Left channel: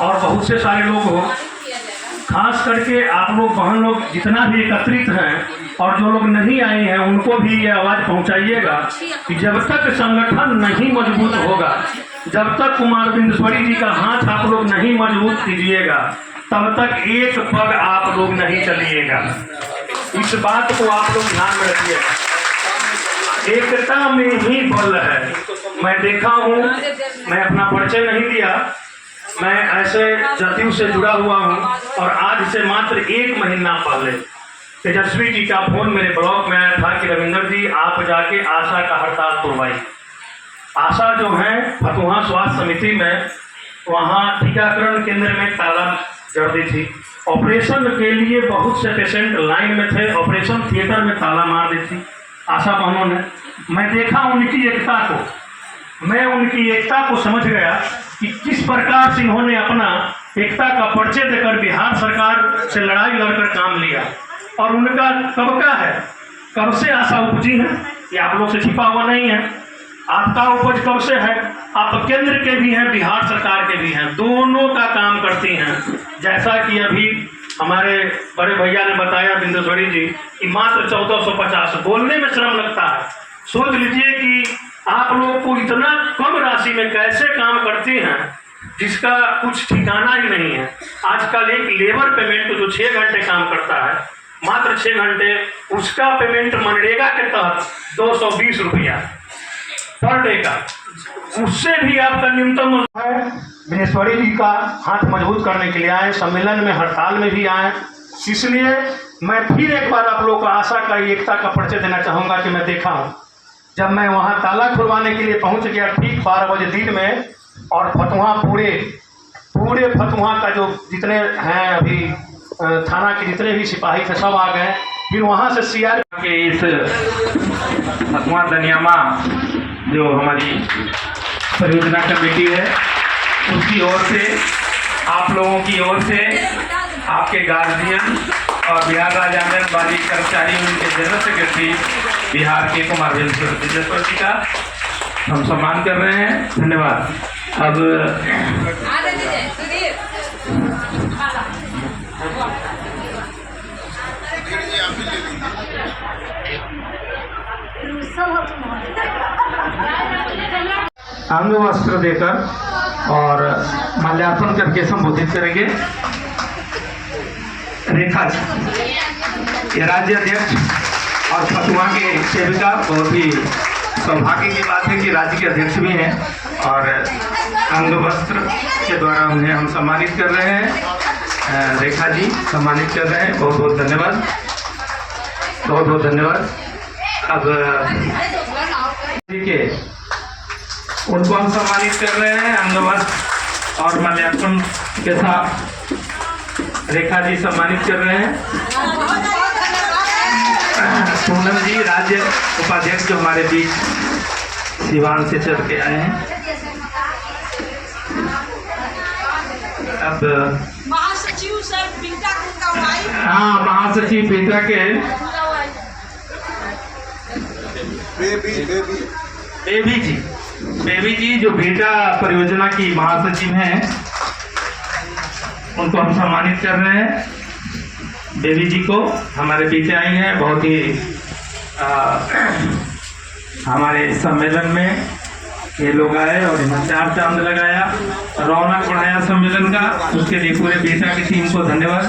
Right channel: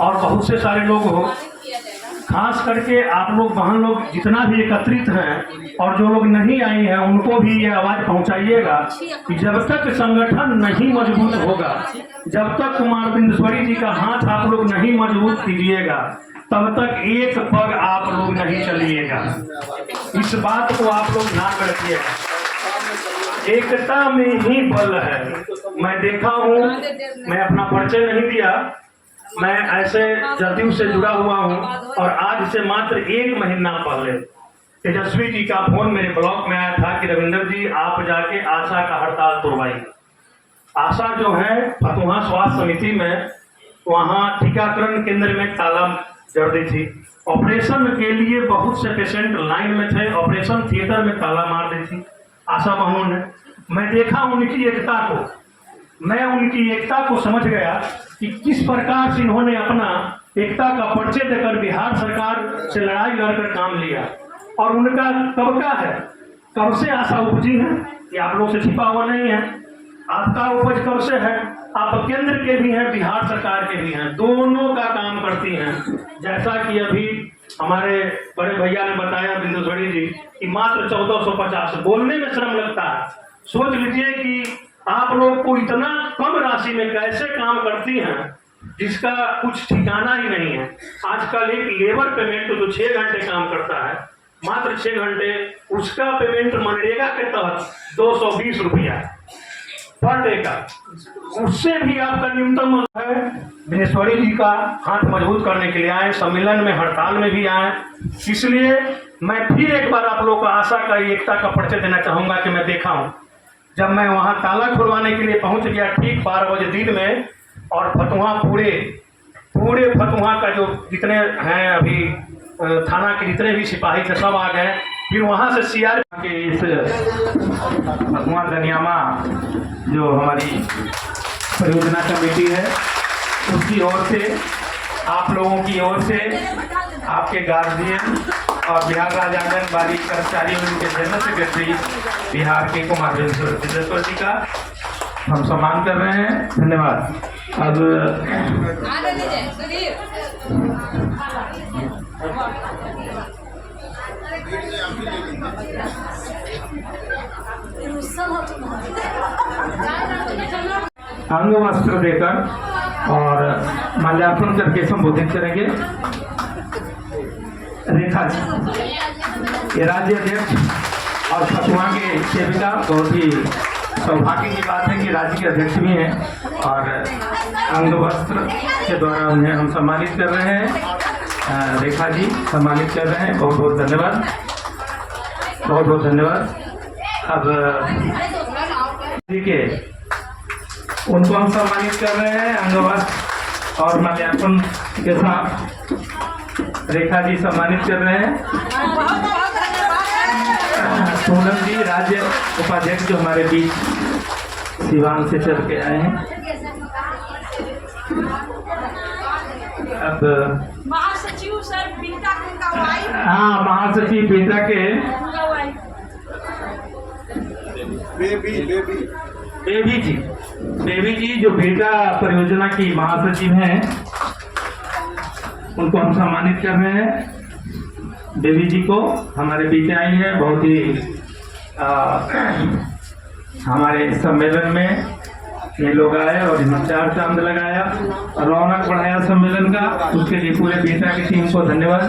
और बहुत से सारे लोग हो, खास करके आप लोग बहन लोग जितना भी एकत्रित हैं और जो लोग नहीं आए हैं उनको भी ये आवाज़ पहुंचाइएगा कि जब तक संगठन नहीं मजबूत होगा, जब तक कुमार बिंदेश्वरी जी का हाथ आप लोग नहीं मजबूत कीजिएगा, तब तक एक पग आप लोग नहीं चलिएगा। इस बात को आप लोग ध्यान में रखिएगा। एकता में ही बल है। मैं देखा हूँ, मैं अपना परिचय नहीं दिया, मैं ऐसे जदयू से जुड़ा हुआ हूँ और आज से मात्र 1 महीना पहले तेजस्वी जी का फोन मेरे ब्लॉक में आया था कि रविंदर जी आप जाके आशा का हड़ताल तोड़वाइए। आशा जो है फतुहा स्वास्थ्य समिति में, वहाँ टीकाकरण केंद्र में ताला जड़ दी थी। ऑपरेशन के लिए बहुत से पेशेंट लाइन में थे, ऑपरेशन थिएटर में ताला मार दी थी आशा बहनों ने। मैं देखा उनकी एकता को, मैं उनकी एकता को समझ गया कि किस प्रकार से इन्होंने अपना एकता का परिचय देकर बिहार सरकार से लड़ाई लड़कर काम लिया। और उनका कब का है, कब से आशा उपजी है, ये आप लोग से छिपा हुआ नहीं है। आपका उपज कब से है, आप केंद्र के भी हैं, बिहार सरकार के भी हैं, दोनों का काम करती हैं। जैसा कि अभी हमारे बड़े भैया ने बताया बिंदेश्वरी जी कि मात्र 1450, बोलने में शर्म लगता है। सोच लीजिए कि आप लोग को इतना कम राशि में कैसे काम करती हैं जिसका कुछ ठिकाना ही नहीं है। आजकल एक लेबर पेमेंट जो 6 घंटे काम करता है, मात्र 6 घंटे, उसका पेमेंट मनरेगा के तहत 220 रुपया पर डे का, उससे भी आपका न्यूनतम है। बिंदेश्वरी जी का हाथ मजबूत करने के लिए आए, सम्मेलन में हड़ताल में भी आए। इसलिए मैं फिर एक बार आप लोग को आशा का एकता का परिचय देना चाहूँगा कि मैं देखा हूँ जब मैं वहाँ ताला खुलवाने के लिए पहुँच गया ठीक 12 बजे दिन में, और फतुहा पूरे फतुहा का जो जितने हैं अभी थाना के जितने भी सिपाही थे सब आ गए। फिर वहाँ से सीआर के इस फतुहा दनियामा जो हमारी परियोजना कमेटी है उसकी ओर से, आप लोगों की ओर से, आपके गार्जियन और बिहार राज्य आंगनबाड़ी कर्मचारी उनके जनरल सेक्रेटरी बिहार के कुमार बिंदेश्वरी जी का हम सम्मान कर रहे हैं। धन्यवाद। अब अंग वस्त्र देकर और माल्यार्पण करके संबोधित करेंगे रेखा जी, ये राज्य अध्यक्ष और फतुहा के सेविका। बहुत ही सौभाग्य की बात है कि राज्य के अध्यक्ष भी हैं और अंग वस्त्र के द्वारा उन्हें हम सम्मानित कर रहे हैं। रेखा जी सम्मानित कर रहे हैं, बहुत बहुत धन्यवाद, बहुत बहुत धन्यवाद। अब ठीक है, उनको हम सम्मानित कर रहे हैं अंग वस्त्र और माल्यार्पण के साथ। रेखा जी सम्मानित कर रहे हैं। पूनम जी राज्य उपाध्यक्ष जो हमारे बीच सिवान से चल के आए हैं। अब महासचिव सर बीटा का वाइफ, हाँ महासचिव बीटा के बेबी जी जो बीटा परियोजना की महासचिव हैं, उनको हम सम्मानित कर रहे हैं। बेबी जी को हमारे बीच आई हैं, बहुत ही हमारे सम्मेलन में ये लोग आए और इन्होंने 4 चांद लगाया, रौनक बढ़ाया सम्मेलन का। उसके लिए पूरे बीटा की टीम को धन्यवाद,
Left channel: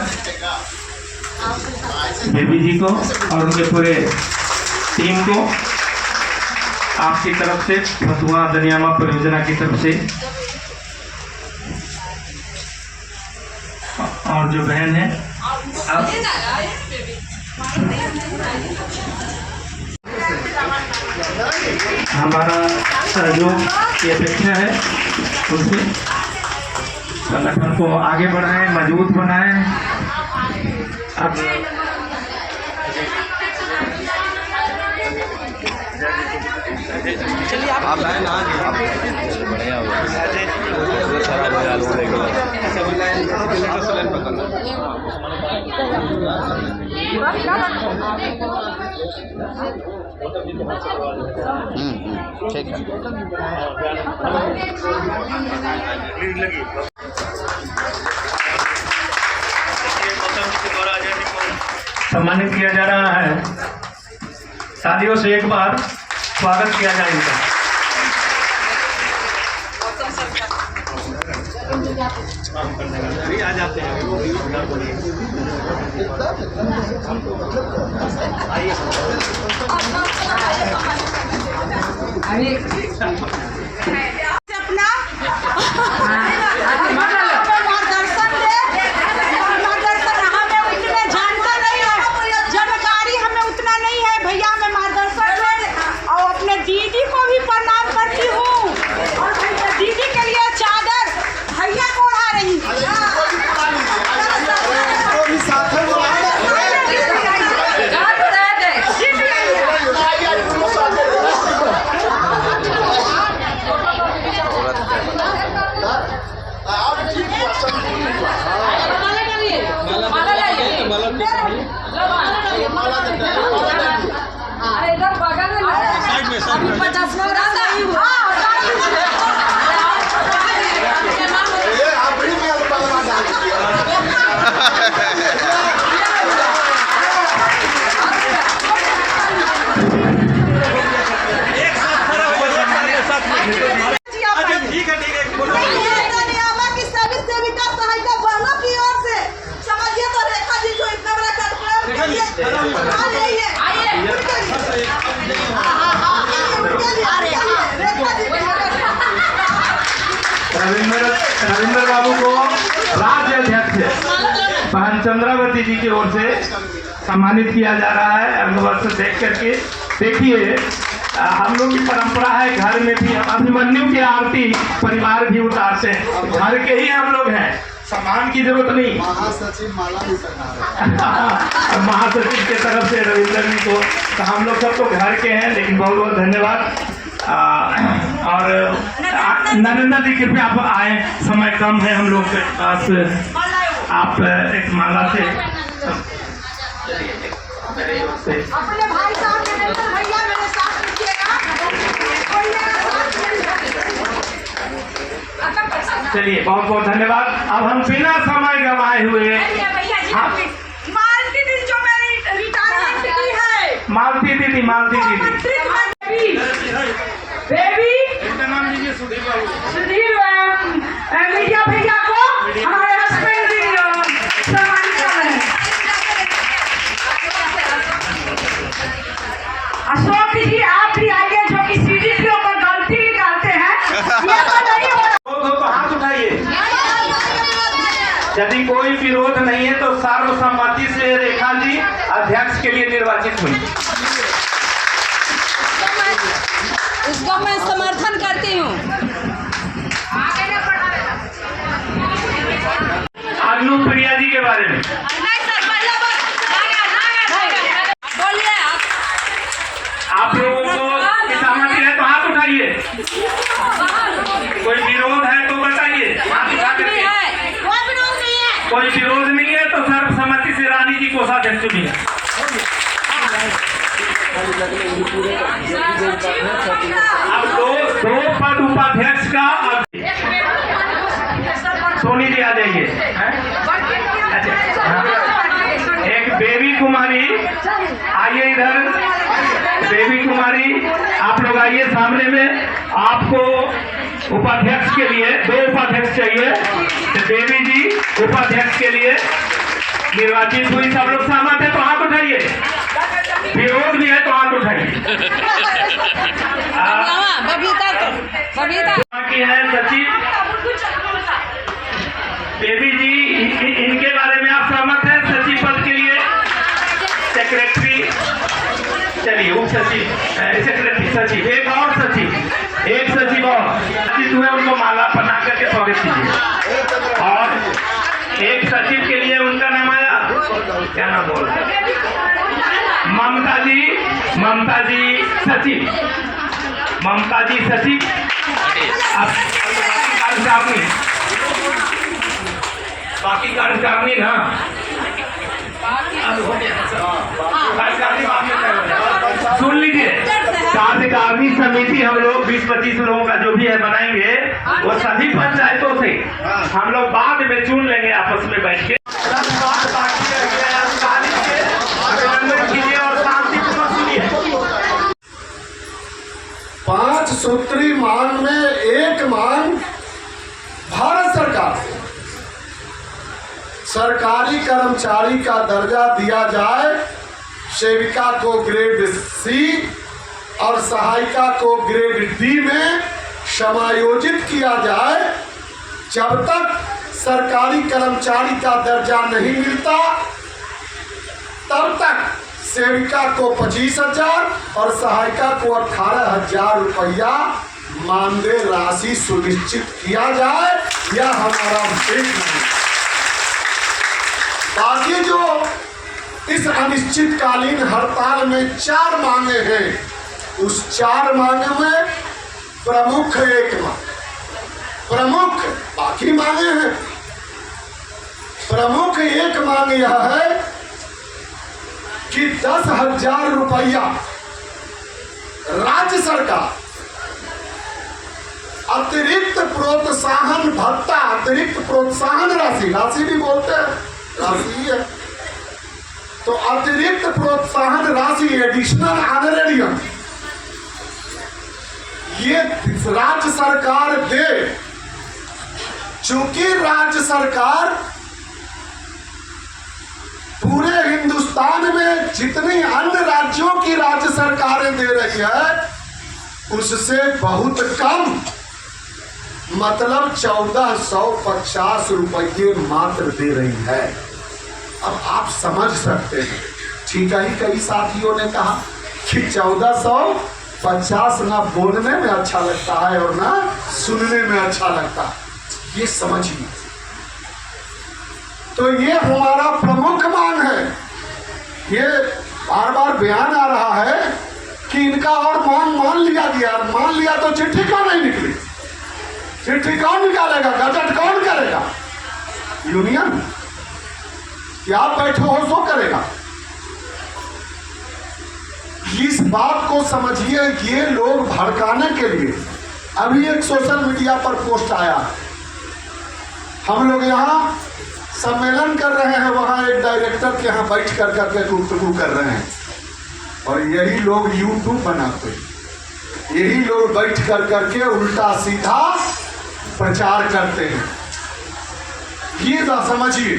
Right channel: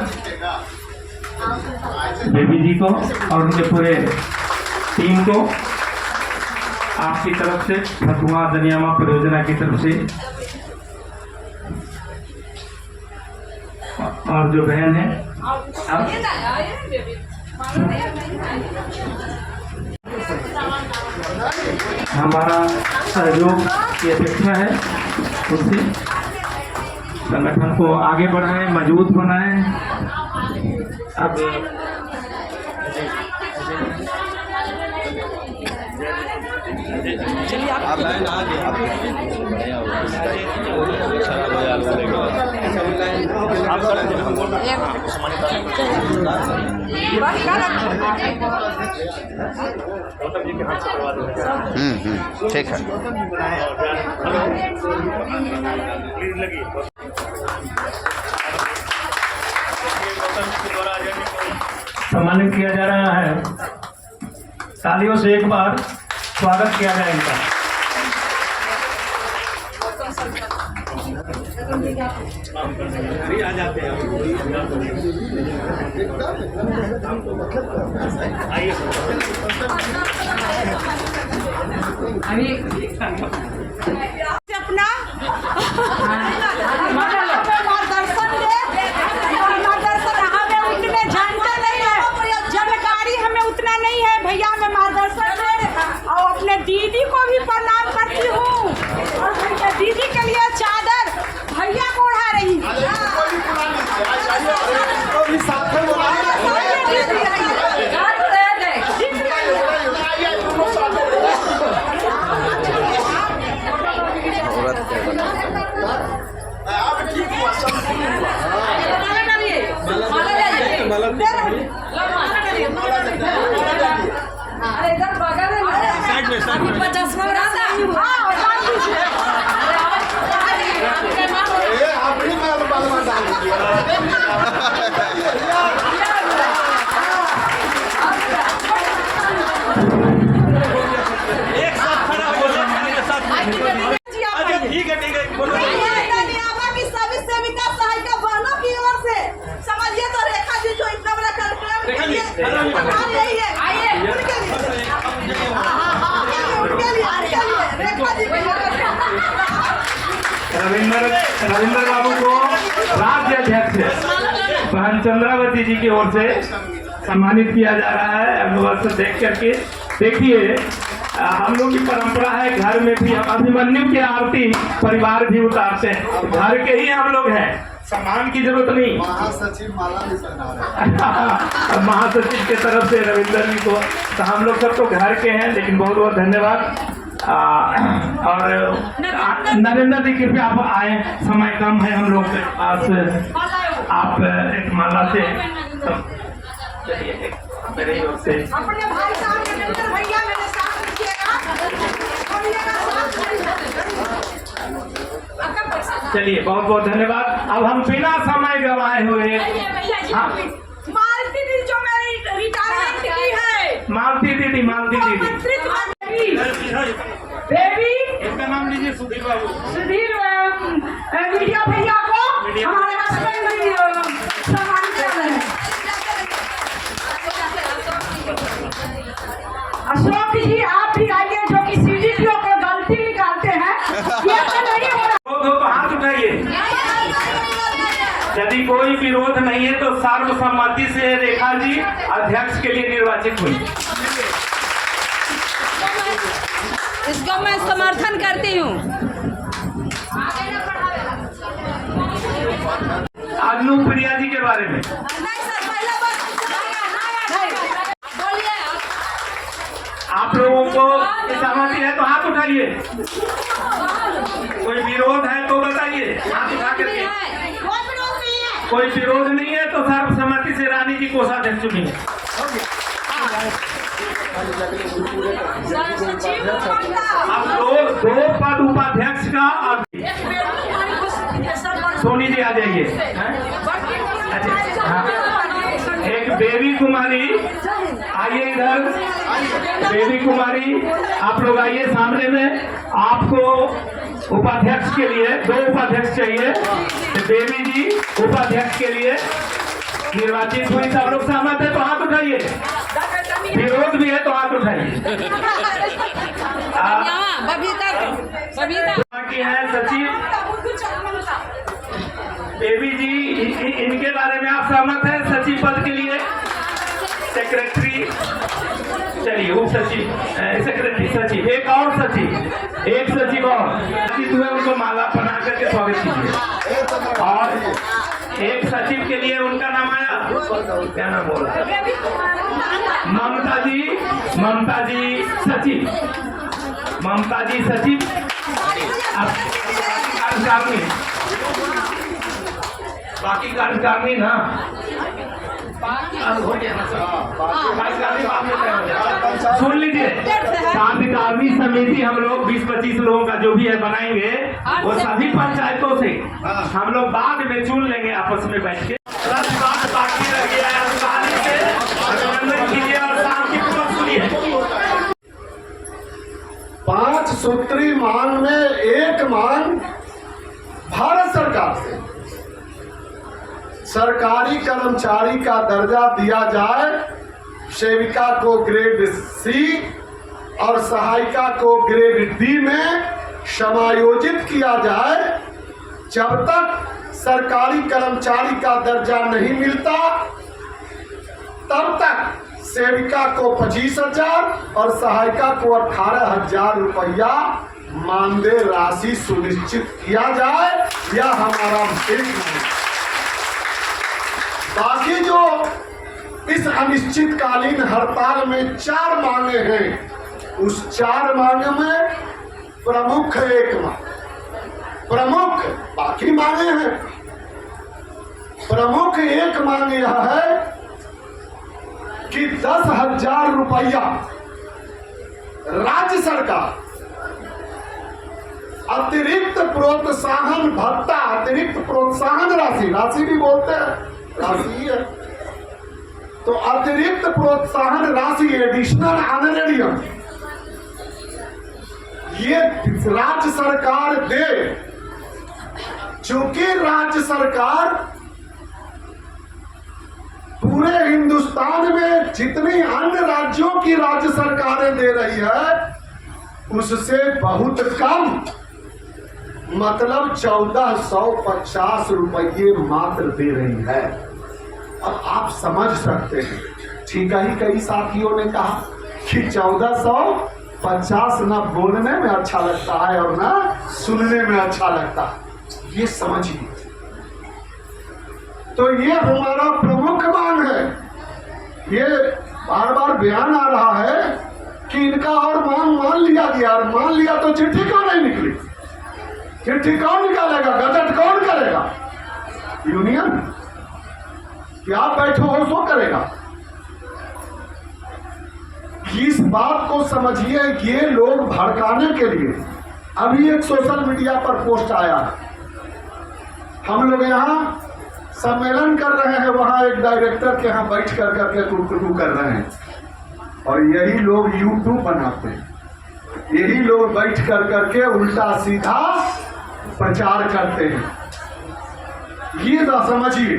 बेबी जी को और उनके पूरे टीम को। आपकी तरफ से फतुहा दनियामा परियोजना की तरफ से और जो बहन है अब हमारा सहयोग की अपेक्षा है उनसे, संगठन को आगे बढ़ाएं, मजबूत बनाएं। अब आप बढ़िया ठीक है। सम्मानित किया जा रहा है। तालियों से एक बार स्वागत किया जाए इनका। आ जाते हैं अपना मार्गदर्शन दे, मार्गदर्शन हमें उतने जानते नहीं है, जानकारी हमें उतना नहीं है भैया, हमें मार्गदर्शन दे। और अपने दीदी को भी प्रणाम करती हूँ, और भैया दीदी के लिए चादर भैया को उड़ा रही है। रविंद्र बाबू को राज्य अध्यक्ष बहन चंद्रावती जी की ओर से सम्मानित किया जा रहा है। अंगवस्त्र देख करके देखिए, हम लोग की परंपरा है, घर में भी हम अभिमन्यु की आरती परिवार भी उतारते हैं, घर के ही हम लोग हैं, सम्मान की जरूरत नहीं। महासचिव माला भी पहना रहे हैं। महासचिव के तरफ से रविंद्र जी को, तो हम लोग सब तो घर के हैं, लेकिन बहुत बहुत धन्यवाद। और नरेंद्र जी कृपया आप आए, समय कम है हम लोग के पास, आप एक माला से अपने भाई साहब नरेंद्र भैया मेरे साथ दीजिएगा। चलिए, बहुत बहुत धन्यवाद। अब हम बिना समय गंवाए हुए मालती दीदी जो मेरी रिटायरमेंट की है, मालती दीदी बेबी इनका नाम लीजिए, सुधीर बाबू। सुधीर मीडिया भैया को हमारे हस्बैंड सम्मान कर रहे हैं। अशोक जी आप भी आइए, जो कि सीडी के ऊपर गलती निकालते हैं, ये तो नहीं हो रहा। तो हाथ उठाइए। यदि कोई विरोध नहीं है तो सर्वसम्मति से रेखा जी अध्यक्ष के लिए निर्वाचित हुई। इसका मैं समर्थन करती हूँ। अग्नु प्रिया जी के बारे में आप लोगों को सहमति है तो हाथ उठाइए, कोई विरोध है तो बताइए, हाथ उठा करके। कोई विरोध नहीं है तो सर्वसम्मति से रानी जी को अध्यक्ष चुनिए। अब दो पद उपाध्यक्ष का सोनी जी आ जाइए। अच्छा, एक बेबी कुमारी आइए इधर, बेबी कुमारी आप लोग आइए सामने में। आपको उपाध्यक्ष के लिए 2 उपाध्यक्ष चाहिए, तो बेबी जी उपाध्यक्ष के लिए निर्वाचित हुई। सब लोग सहमत है तो हाथ उठाइए, विरोध भी है तो हाथ उठाइए। बाकी है सचिव बेबी जी, इनके बारे में आप सहमत हैं? सचिव पद के लिए सेक्रेटरी, चलिए उप सचिव, सेक्रेटरी, सचिव, एक और सचिव, एक सचिव और सचिव हुए, उनको माला पहना करके स्वागत कीजिए। और एक सचिव के लिए उनका नाम आया, क्या नाम बोल, ममता जी सचिव, ममता जी सचिव। बाकी कार्यकारिणी ना सुन लीजिए, कार्यकारिणी समिति हम लोग 20-25 लोगों का जो भी है बनाएंगे, वो सभी पंचायतों से हम लोग बाद में चुन लेंगे आपस में बैठ के। 10 बात बाकी रह गया है सूत्री मांग में एक मांग भारत सरकार से सरकारी कर्मचारी का दर्जा दिया जाए, सेविका को ग्रेड सी और सहायिका को ग्रेड डी में समायोजित किया जाए। जब तक सरकारी कर्मचारी का दर्जा नहीं मिलता तब तक सेविका को 25,000 और सहायिका को 18,000 रुपया मानदेय राशि सुनिश्चित किया जाए। यह हमारा विशेष नहीं। बाकी जो इस अनिश्चितकालीन हड़ताल में 4 मांगे हैं, उस 4 मांगे में प्रमुख एक मांग, प्रमुख बाकी मांगे हैं, प्रमुख एक मांग यह है कि 10,000 रुपया राज्य सरकार अतिरिक्त प्रोत्साहन भत्ता, अतिरिक्त प्रोत्साहन राशि भी बोलते हैं, राशि है तो अतिरिक्त प्रोत्साहन राशि एडिशनल ऑनरेरियम ये राज्य सरकार दे। चूंकि राज्य सरकार पूरे हिंदुस्तान में जितनी अन्य राज्यों की राज्य सरकारें दे रही है उससे बहुत कम, मतलब 1450 रुपये मात्र दे रही है। अब आप समझ सकते हैं, ठीक है। कई साथियों ने कहा कि 1450 ना बोलने में अच्छा लगता है और ना सुनने में अच्छा लगता है, ये समझिए। तो ये हमारा प्रमुख मांग है। ये बार बार बयान आ रहा है कि इनका और मांग मान लिया गया, और मान लिया तो चिट्ठी क्यों नहीं निकली? चिट्ठी कौन निकालेगा? गजट कौन करेगा? यूनियन? क्या बैठो हो सो करेगा? इस बात को समझिए, ये लोग भड़काने के लिए। अभी एक सोशल मीडिया पर पोस्ट आया, हम लोग यहाँ सम्मेलन कर रहे हैं, वहां एक डायरेक्टर के यहाँ बैठ कर करके गुफ्तगू कर रहे हैं, और यही लोग यूट्यूब बनाते हैं, यही लोग बैठ कर करके उल्टा सीधा प्रचार करते हैं। ये ना समझिए।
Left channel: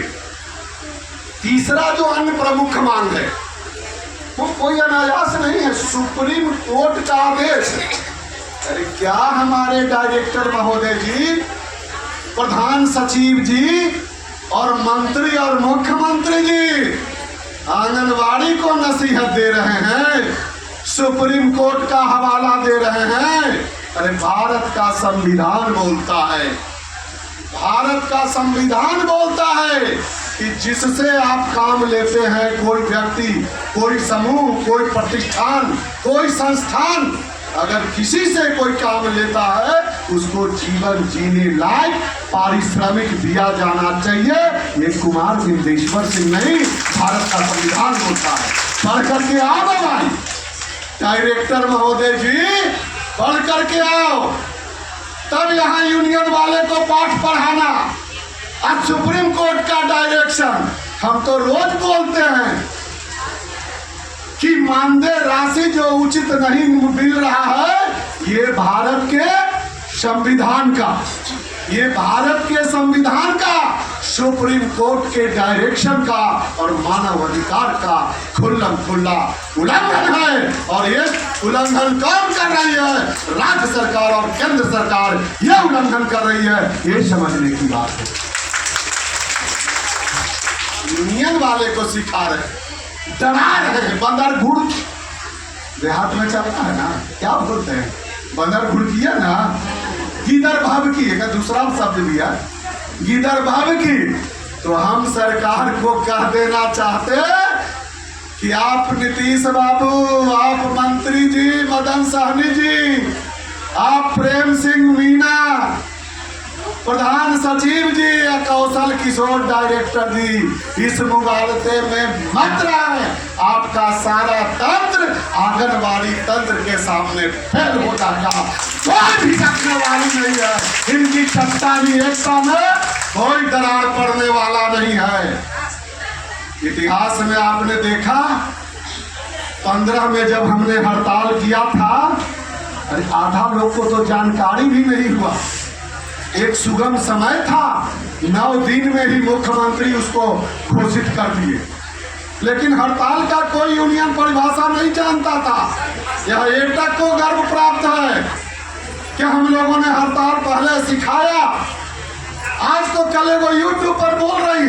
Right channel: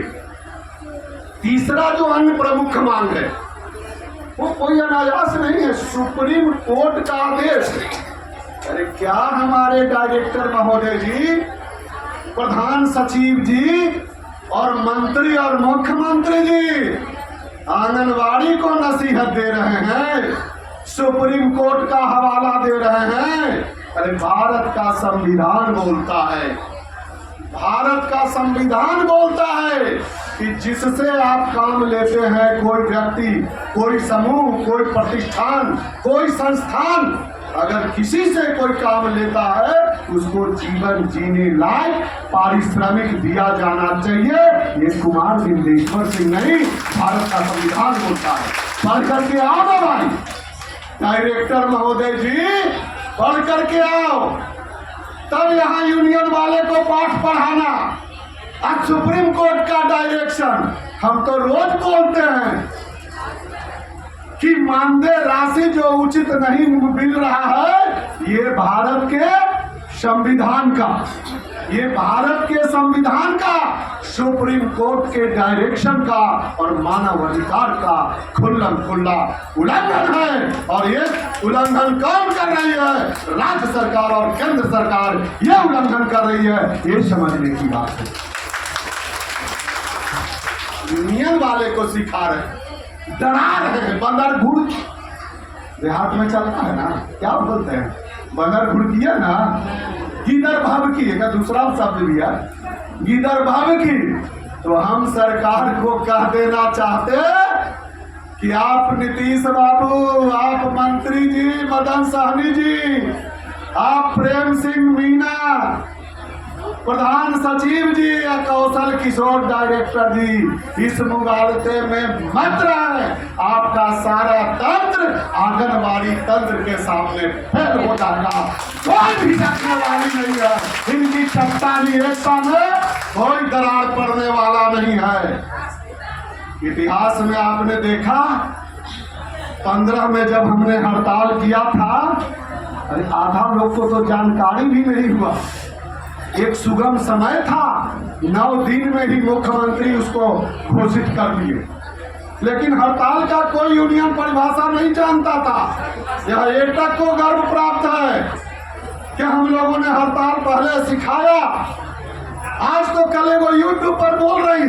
तीसरा जो अन्य प्रमुख मांग है वो कोई अनायास नहीं है, सुप्रीम कोर्ट का आदेश। अरे क्या हमारे डायरेक्टर महोदय जी, प्रधान सचिव जी और मंत्री और मुख्यमंत्री जी आंगनवाड़ी को नसीहत दे रहे हैं, सुप्रीम कोर्ट का हवाला दे रहे हैं। अरे भारत का संविधान बोलता है, भारत का संविधान बोलता है कि जिससे आप काम लेते हैं, कोई व्यक्ति, कोई समूह, कोई प्रतिष्ठान, कोई संस्थान अगर किसी से कोई काम लेता है उसको जीवन जीने लायक पारिश्रमिक दिया जाना चाहिए। ये कुमार सिंह नहीं, भारत का संविधान बोलता है। पढ़ करके आओ भाई, डायरेक्टर महोदय जी, पढ़ करके आओ, तब यहाँ यूनियन वाले को पाठ पढ़ाना। अब सुप्रीम कोर्ट का डायरेक्शन, हम तो रोज बोलते हैं कि मानदेय राशि जो उचित नहीं मिल रहा है, ये भारत के संविधान का, ये भारत के संविधान का, सुप्रीम कोर्ट के डायरेक्शन का और मानव अधिकार का खुल्लम खुल्ला उल्लंघन है। और ये उल्लंघन कौन कर रही है? राज्य सरकार और केंद्र सरकार ये उल्लंघन कर रही है, ये समझने की बात है। यूनियन वाले को सिखा रहे, डरा रहे हैं। बंदर घुड़ देहात में चलता है ना, क्या बोलते हैं, बंदर घुड़ किया ना, गिदर भाव की है, दूसरा शब्द दिया, गिदर भाव की। तो हम सरकार को कह देना चाहते कि आप नीतीश बाबू, आप मंत्री जी मदन सहनी जी, आप प्रेम सिंह मीना, प्रधान सचिव जी या कौशल किशोर डायरेक्टर जी, इस मुगालते में मत रहे। आपका सारा तंत्र आंगनबाड़ी तंत्र के सामने फेल हो जाएगा, कोई भी सकने वाली नहीं है। इनकी चट्टानी एकता में कोई दरार पड़ने वाला नहीं है। इतिहास में आपने देखा 15 में जब हमने हड़ताल किया था अरे आधा लोग को तो जानकारी भी नहीं हुआ। एक सुगम समय था, 9 दिन में ही मुख्यमंत्री उसको घोषित कर दिए, लेकिन हड़ताल का कोई यूनियन परिभाषा नहीं जानता था। यह एकटक को गर्व प्राप्त है कि हम लोगों ने हड़ताल पहले सिखाया। आज तो कल वो यूट्यूब पर बोल रही